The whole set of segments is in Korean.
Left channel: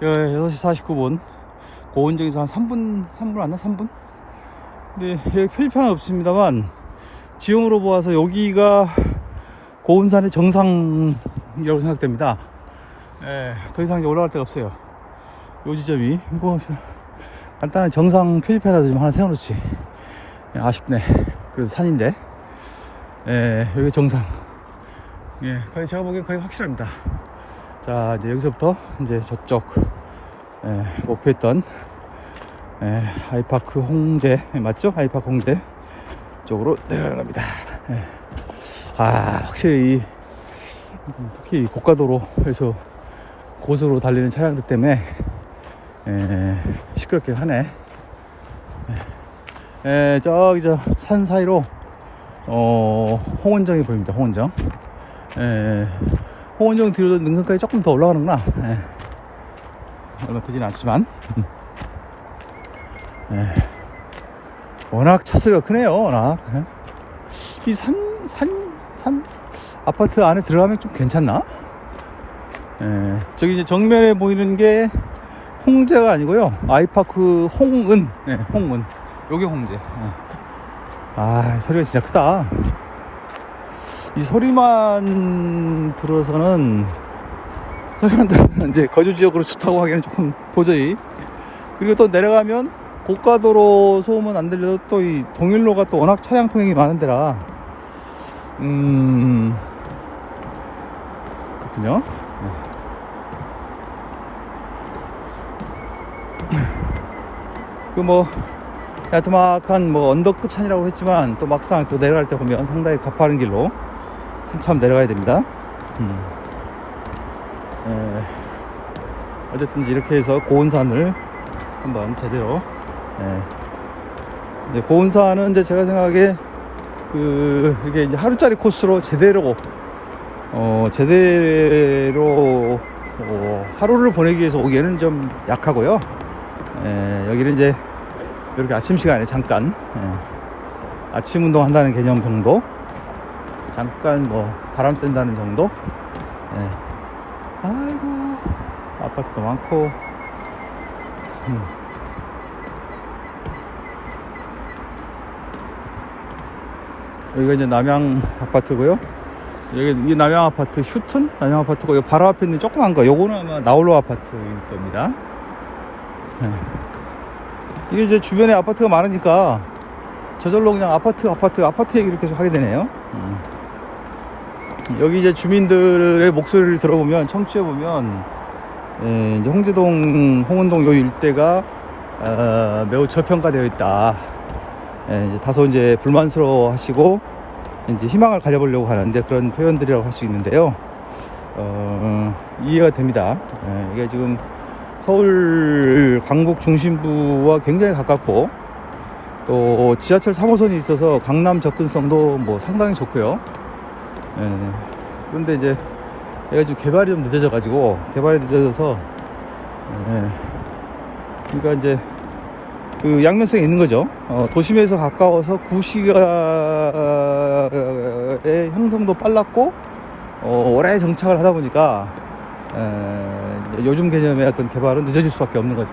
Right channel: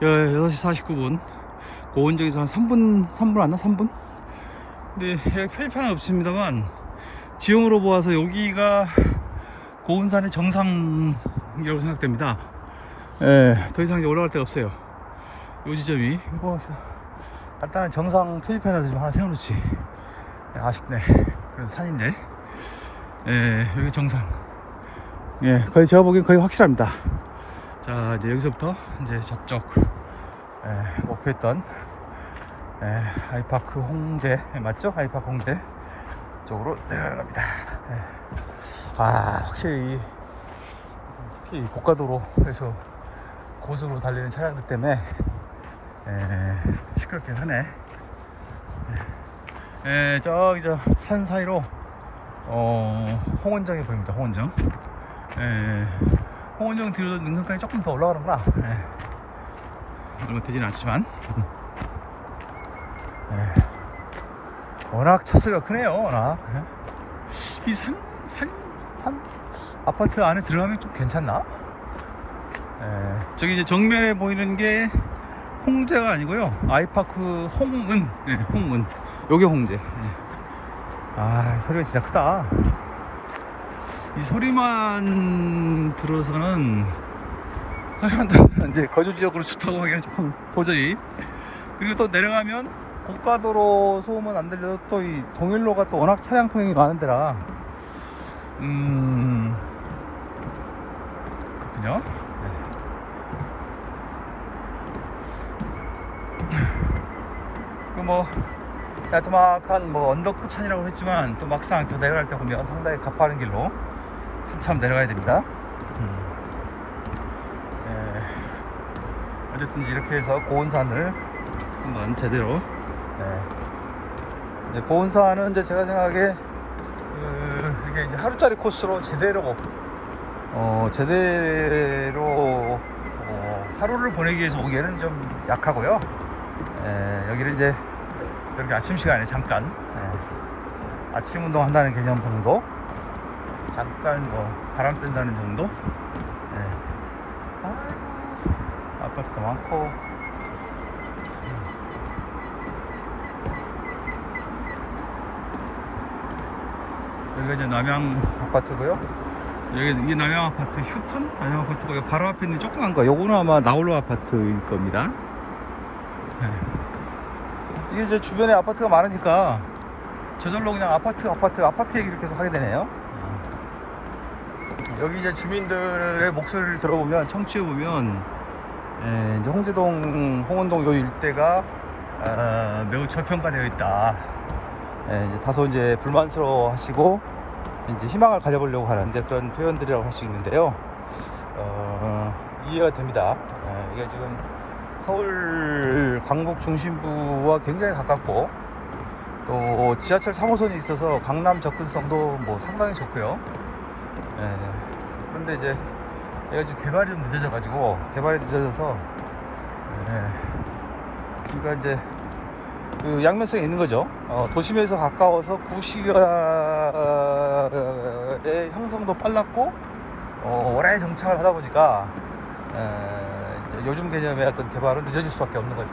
6시 49분. 고온정에서 한 3분 안 나? 3분? 근데 여기 표지판은 없습니다만, 지형으로 보아서 여기가 고운산의 정상이라고 생각됩니다. 더 이상 이제 올라갈 데가 없어요. 요 지점이. 뭐, 간단한 정상 표지판이라도 좀 하나 세워놓지. 아쉽네. 그래도 산인데. 여기 정상. 거의 제가 보기엔 거의 확실합니다. 자, 이제 여기서부터 이제 저쪽, 목표했던, 아이파크 홍대, 맞죠? 아이파크 홍대 쪽으로 내려갑니다. 확실히 특히 고가도로에서 고속으로 달리는 차량들 때문에 시끄럽게 하네. 저기 저 산 사이로 홍원정이 보입니다. 홍원정. 홍원정 뒤로 능선까지 조금 더 올라가는구나. 얼마 되진 않지만 워낙 차소리가 크네요. 워낙 이 산 아파트 안에 들어가면 좀 괜찮나? 저기 이제 정면에 보이는 게 홍제가 아니고요, 아이파크 홍은. 홍은. 요게 홍제. 소리가 진짜 크다. 이 소리만 들어서는 이제 거주 지역으로 좋다고 하기에는 조금 도저히. 그리고 또 내려가면 고가도로 소음은 안 들려도 또 이 동일로가 또 워낙 차량 통행이 많은 데라 그렇군요. 그 뭐 야트막한 뭐 언덕급 산이라고 했지만, 또 막상 또 내려갈 때 보면 상당히 가파른 길로 한참 내려가야 됩니다. 어쨌든 이렇게 해서 고운산을 한번 제대로, 이제 고운산은 이제 제가 생각에 이게 이제 하루짜리 코스로 제대로 하루를 보내기 위해서 오기에는 좀 약하고요. 여기는 이제 이렇게 아침 시간에 잠깐 아침 운동 한다는 개념 정도, 잠깐 뭐 바람 쐰다는 정도. 아이고, 아파트도 많고. 여기가 이제 남양 아파트고요. 여기 이 남양 아파트 휴튼 남양 아파트고, 여기 바로 앞에 있는 조그만 거, 요거는 아마 나홀로 아파트일 겁니다. 이게 이제 주변에 아파트가 많으니까 저절로 그냥 아파트 얘기를 계속 하게 되네요. 여기 이제 주민들의 목소리를 들어보면, 청취해보면, 이제 홍제동, 홍은동 요 일대가 매우 저평가되어 있다. 이제 다소 이제 불만스러워 하시고, 이제 희망을 가져보려고 하는데, 그런 표현들이라고 할 수 있는데요. 이해가 됩니다. 이게 지금 서울 강북 중심부와 굉장히 가깝고, 또 지하철 3호선이 있어서 강남 접근성도 뭐 상당히 좋고요. 그런데 이제 얘가 지금 개발이 좀 늦어져서 그러니까 이제 그 양면성이 있는 거죠. 도심에서 가까워서 구시가의 형성도 빨랐고, 오래 정착을 하다 보니까 요즘 개념의 어떤 개발은 늦어질 수밖에 없는 거죠.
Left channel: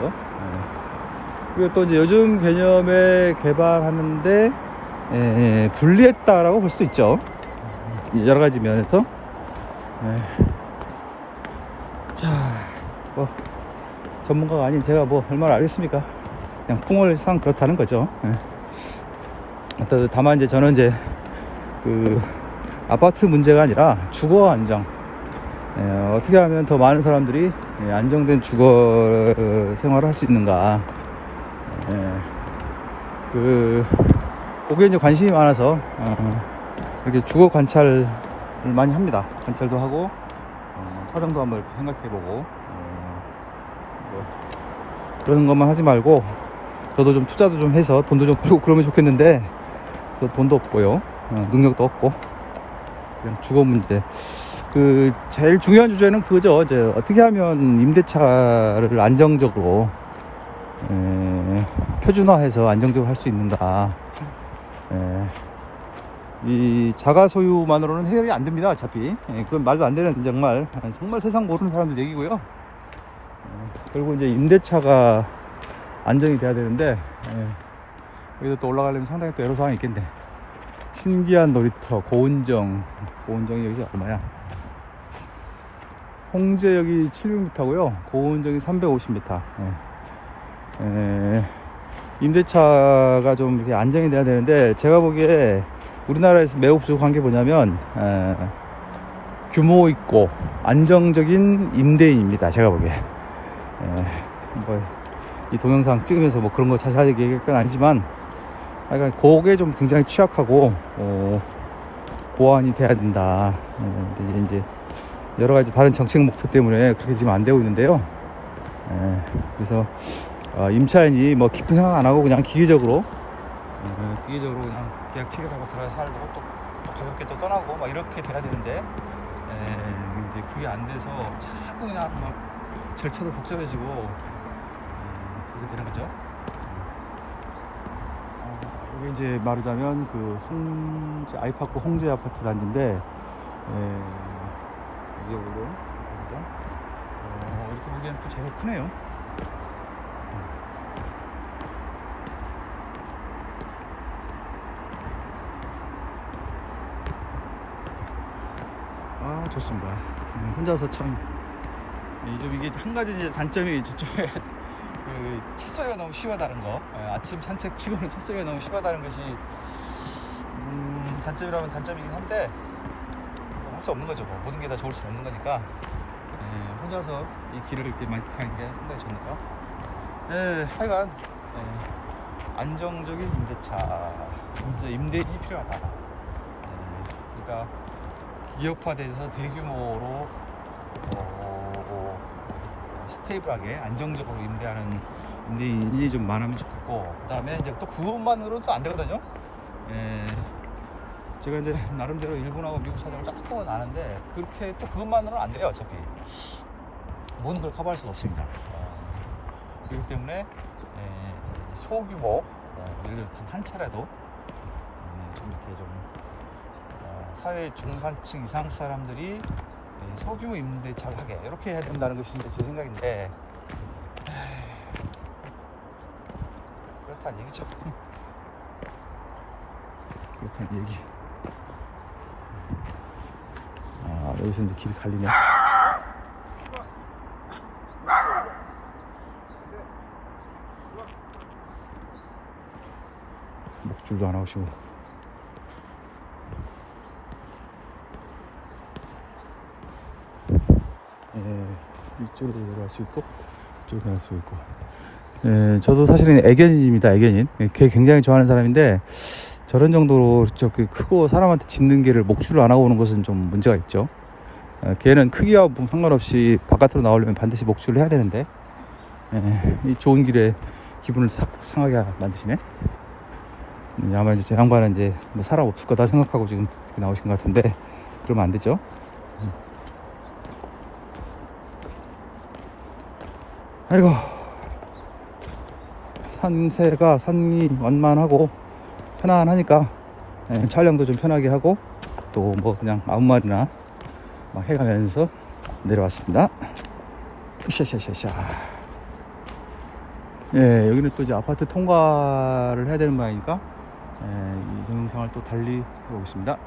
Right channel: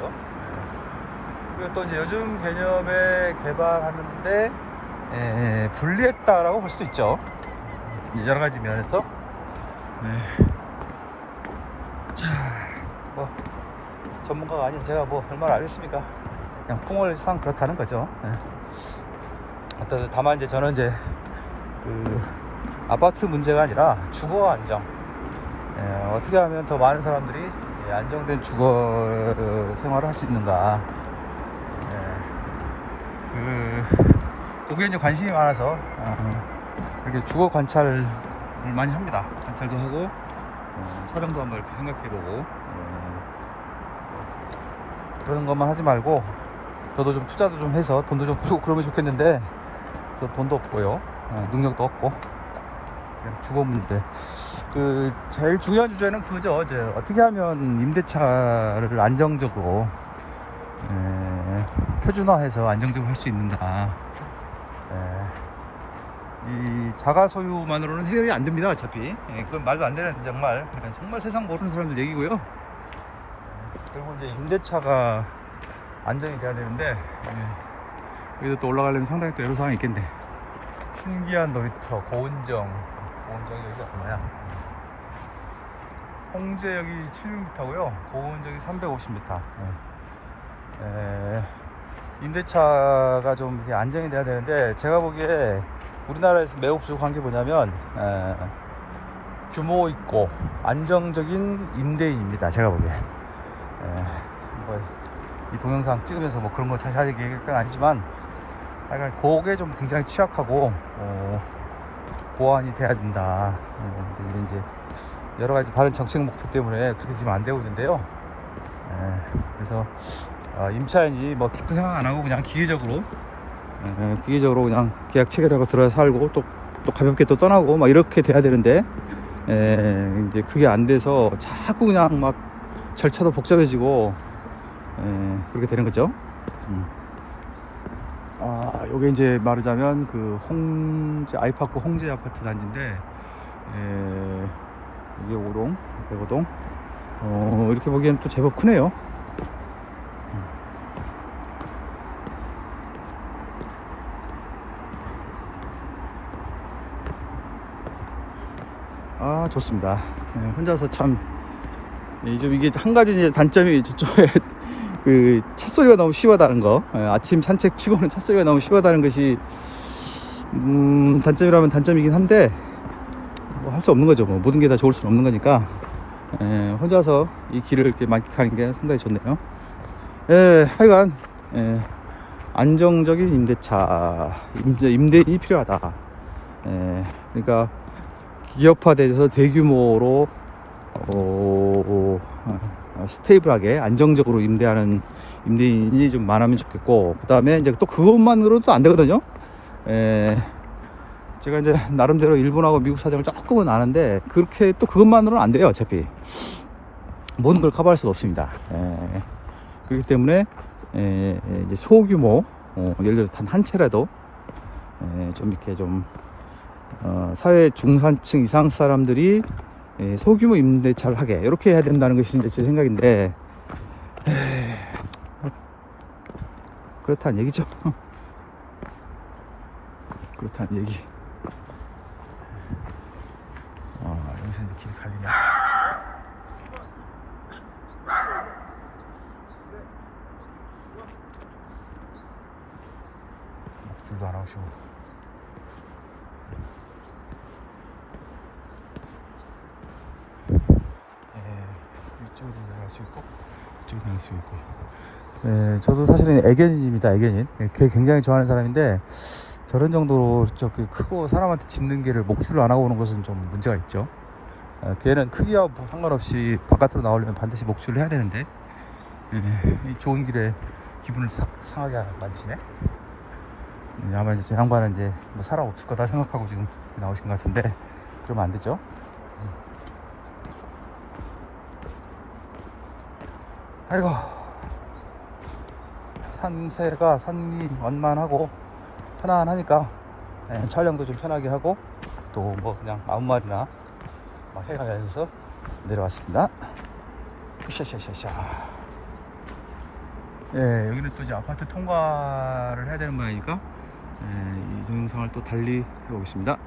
그리고 또 이제 요즘 개념의 개발하는데 불리했다라고 볼 수도 있죠. 여러 가지 면에서. 자, 뭐 전문가가 아닌 제가 뭐 얼마나 알겠습니까? 그냥 풍월상 그렇다는 거죠. 다만 이제 저는 이제 그 아파트 문제가 아니라 주거 안정, 어떻게 하면 더 많은 사람들이 안정된 주거 생활을 할 수 있는가, 거기에 이제 관심이 많아서 이렇게 주거 관찰을 많이 합니다. 관찰도 하고, 사정도 한번 이렇게 생각해보고, 그런 것만 하지 말고 저도 좀 투자도 좀 해서 돈도 좀 벌고 그러면 좋겠는데, 또 돈도 없고요, 능력도 없고. 주거 문제, 제일 중요한 주제는 그거죠. 이제 어떻게 하면 임대차를 안정적으로 표준화해서 안정적으로 할 수 있는가. 이 자가 소유만으로는 해결이 안 됩니다. 어차피 그건 말도 안 되는, 정말 세상 모르는 사람들 얘기고요. 그리고 이제 임대차가 안정이 돼야 되는데, 여기도 또 올라가려면 상당히 또 애로사항이 있겠네. 신기한 놀이터, 고운정이 여기서 얼마나? 홍제역이 700m고요. 고운정이 350m. 임대차가 좀 이렇게 안정이 돼야 되는데, 제가 보기에 우리나라에서 매우 부족한 게 뭐냐면, 규모 있고 안정적인 임대인입니다. 제가 보기에. 이 동영상 찍으면서 뭐 그런 거 자세하게 얘기할 건 아니지만, 약간 그게 좀 굉장히 취약하고 보완이 돼야 된다. 이게 이제 여러 가지 다른 정책 목표 때문에 그렇게 지금 안 되고 있는데요. 그래서 임차인이 뭐 깊은 생각 안 하고 그냥 기계적으로 그냥 계약 체결하고 들어가 살고 또 가볍게 또 떠나고 막 이렇게 돼야 되는데, 이제 그게 안 돼서 자꾸 그냥 막 절차도 복잡해지고 그렇게 되는 거죠. 요게 이제 말하자면 그 홍제 아이파크 홍제 아파트 단지인데, 이게 5동, 105동. 이렇게 보기엔 또 제법 크네요. 좋습니다. 혼자서 참, 좀 이게 한 가지 이제 단점이 저쪽에 그 찻소리가 너무 심하다는 거. 아침 산책 치고는 찻소리가 너무 심하다는 것이 단점이라면 단점이긴 한데, 뭐 할 수 없는 거죠. 뭐 모든 게 다 좋을 수는 없는 거니까 혼자서 이 길을 이렇게 만끽하는 게 상당히 좋네요. 하여간 안정적인 임대인이 필요하다. 그러니까 기업화돼서 대규모로 스테이블하게 안정적으로 임대하는 임대인이 좀 많으면 좋겠고, 그 다음에 이제 또 그것만으로도 안 되거든요. 제가 이제 나름대로 일본하고 미국 사정을 조금은 아는데, 그렇게 또 그것만으로는 안 돼요. 어차피 모든 걸 커버할 수가 없습니다. 그렇기 때문에 이제 소규모, 예를 들어서 단 한 채라도 좀 이렇게 좀 사회 중산층 이상 사람들이 소규모 임대차를 하게, 이렇게 해야 된다는 것이 이제 제 생각인데, 그렇다는 얘기죠. 그렇다는 얘기. 여기서 이제 길이 갈리네. 목줄도 안 하시고. 이쪽으로 갈 수 있고, 이쪽으로 갈 수 있고. 저도 사실은 애견인입니다. 애견인. 개 굉장히 좋아하는 사람인데, 저런 정도로 저렇게 크고 사람한테 짖는 개를 목줄을 안 하고 오는 것은 좀 문제가 있죠. 개는 크기와 상관없이 바깥으로 나오려면 반드시 목줄을 해야 되는데, 이 좋은 길에 기분을 상하게 만드시네. 아마 이제 양반은 이제 뭐 사람 없을 거다 생각하고 지금 나오신 것 같은데, 그러면 안 되죠. 아이고, 산이 완만하고 편안하니까 촬영도 좀 편하게 하고, 또 뭐 그냥 아무 말이나 해가면서 내려왔습니다. 샤샤샤샤. 여기는 또 이제 아파트 통과를 해야 되는 거 아니까 이 동영상을 또 달리 해보겠습니다.